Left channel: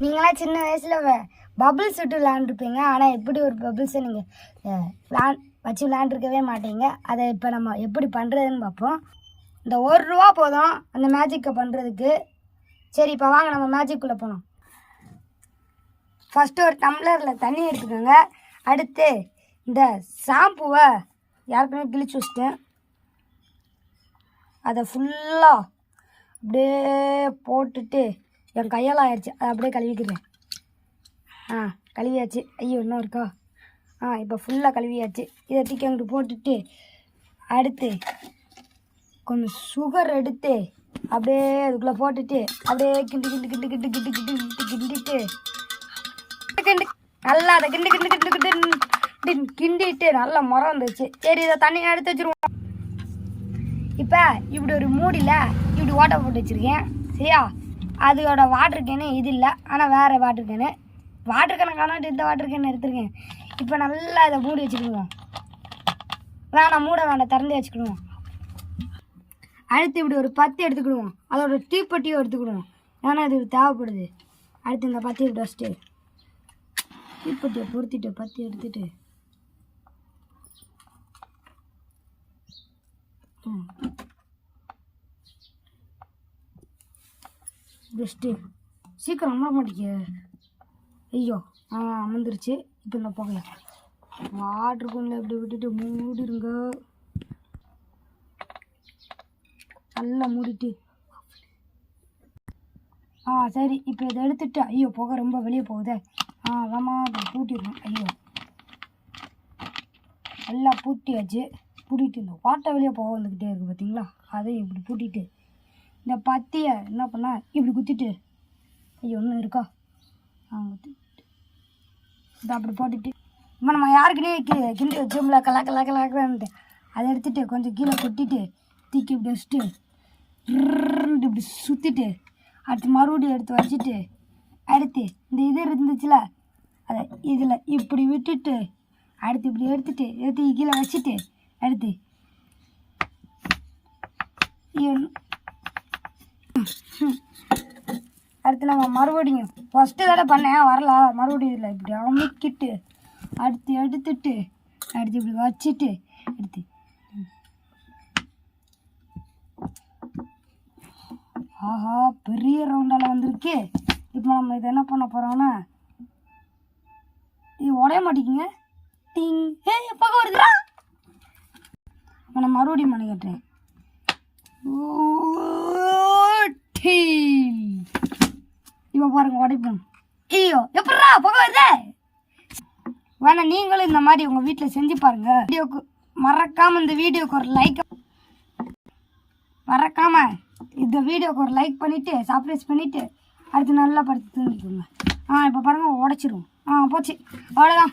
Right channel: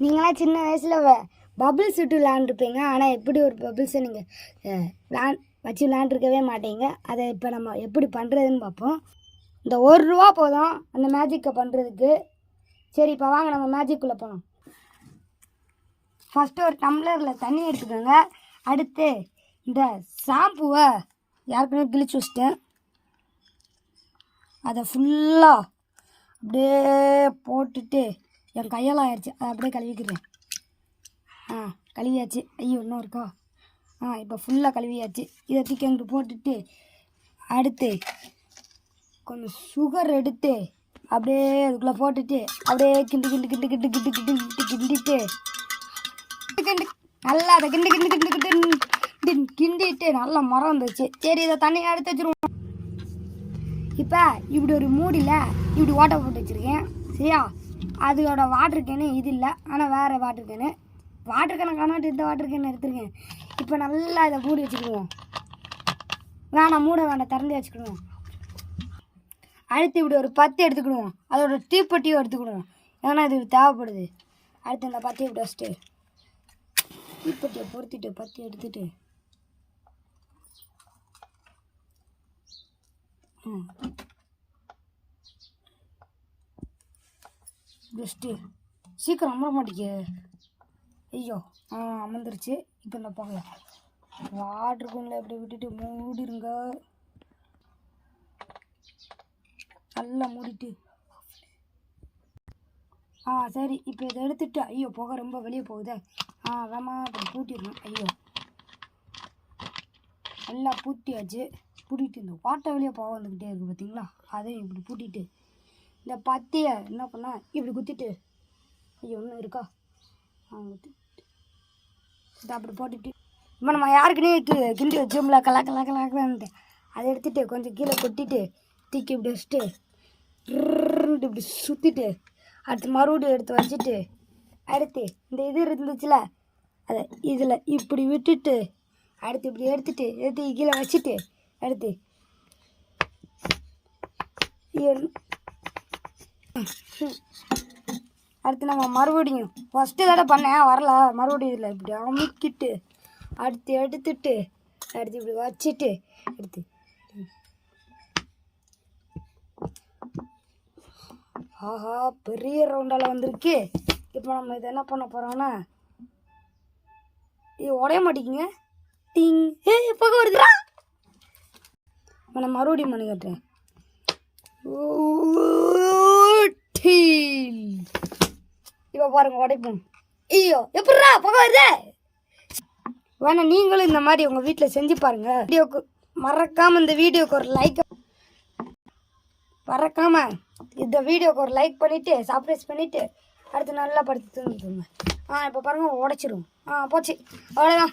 நீங்களாம் சின்ன வயசில் பபுள்ஸ் விட்டு விளாண்டுருப்பீங்க. ஆனால் எப்படி ஒரு பபுள்ஸை நீங்கள் வச்சு விளாண்டுருக்கவே மாட்டீங்க. அதை இப்போ நம்ம எப்படி பண்ணுறதுன்னு பார்ப்போம். இந்த ₹1 போதும் அந்த மேஜிக்கை பண்ணுறதுக்கு. சரி, இப்போ வாங்க நம்ம மேஜிக்குள்ளே போகணும். ஃபஸ்ட்டு ஒரு டம்ளரில் தண்ணி எடுத்துக்கோங்க. அடுத்து இந்த ஷாம்புவை யாருக்குமே கிழிச்சு வச்சிட்டேன். அதை ஃபுல்லாக அப்படியே போட்டுட்டு என் கையால் ஆயிடுச்சு, அதை அப்படியே கழுவிக்கிறேன். கழுவியாச்சு. ஐயோ இன்னும் இருக்கா? இப்போ ஃபுல்லாக கழுவியாச்சு. இதை தூக்கி அங்கிட்டு போட்டுட்டு அடுத்து கொஞ்சம் சுகர் எடுத்து அப்படியே அதுக்குள்ளே போட்டுட்டு அப்படியே கிண்டு கிண்டு கிண்டு கிண்டு கிண்டு கிண்டு கிண்டு கிண்டிட்டு நல்லா அதை கிண்டு கிண்டு கிண்டு கிண்டு கிண்டிட்டு நல்லா மரம் வந்துருச்சு. சரி, இதை தண்ணி எடுத்து வச்சுருவோம். இப்போ இப்படி ஒரு மூடியில் இப்படி ஓட்டை போட்டு வச்சுருக்கேன். சரியா? அதோட வாட்டர் கேனு இது இல்லை, ஆனால் வேறு வாட்டர் கேனு. வாட்டர் கேனை காணாட்டு இந்த வாட்டர் கேனை எடுத்துருக்கேன். இப்போ நல்லா இதை மூடி வச்சுக்கிடுவோம். வேணாம், மூட வேண்டாம், திறந்து வச்சுக்கிடுவோம். அடுத்து இப்படி ஒரு 10 எடுத்துக்கிடுவோம். அதோட தீப்பெட்டியும் எடுத்துக்கிடுவோம், ஏன்னா இது தேவைப்படுது. அடுத்து இந்த 10 இப்படி வச்சுட்டு தீப்பெட்டியை பொருத்திட்டு 10 எடுத்துட்டு பெஸ்ட்டு. சீக்கிரம் அமர மாட்டேங்க. ஐயோ அமர்ந்துருச்சு. இப்போ இந்த புகைய வாட்டர் கொண்டில் எப்படி விட்டுட்டு மூடிடுங்க. நல்லா மூடிட்டு சரி, இப்போ இதை எடுத்துட்டு ஐயோ புகை ரொம்ப வெளியே போகுதே. அதாம்மா இப்போ பூட்டிடணும். ஐயோ நல்லா பூட்டியாச்சு. பூட்டிட்டு இந்த வாட்டை வெளியே புகை வந்துக்கிட்டே இருக்குது பார்த்தீங்களா? அதையும் இப்படி பூட்டிட்டு இந்த 10 என்ன பண்ணால் இப்படி குத்திட்டு ஐயோ ஒன்றும் இருக்கா இதை அப்படி போட்டுட்டு இப்போ நம்ம யாருக்குனே கிண்டி வச்சோம்ல கலாக்கலான்ட்டு அதை எடுத்துகிட்டு கொஞ்சம் கீழே கொட்டிட்டு தூக்கி இப்படி வச்சுட்டு இப்படி சுற்றிட்டு அடுத்து மறுபடியும் எடுத்து வச்சுட்டு அடுத்து இந்த இது இருந்துச்சுல அதை இதில் இப்படி விட்டுட்டு அடுத்து இப்படி எடுத்து கீழே வச்சுட்டு அடுத்து அடுத்து நம்ம மறுபடியும் ஃபஸ்ட்டு தடவை பண்ணேன் வரல, மறுபடியும் இதில் இப்படி அமுக்கிட்டு அடுத்து எடுத்துட்டு அடுத்து இப்படி வச்சுட்டு எடுத்து ஆஹா பெரிய ரவுண்டால் வந்திருக்கு. இப்போ நம்ம இதை என்ன பண்ண போகிறோம்னா இது உடைய மாட்டேங்குங்க. டிங் பக்கம் வருதுடா. இப்போ நான் மறுபடியும் பண்ணி கட்டுறேன். இப்போ பாருங்க உடைப்போம். ஐயோ எப்படா பக்கம் வருதே. வேணா நீங்களும் இந்த மாதிரி உங்கள் வீட்டில் செஞ்சு பாருங்க. வீடியோக்கு மறக்காமல் இந்த வீடியோக்கு ஒரு லைக் பண்ணிவிட்டு சப்ஸ்கிரைப் பண்ணிவிட்டு அடுத்து நல்லா படுத்து தூங்கிக்கோங்க. இப்போ பாருங்கள் உடைச்சிரும். போச்சு, அவ்வளோதான்.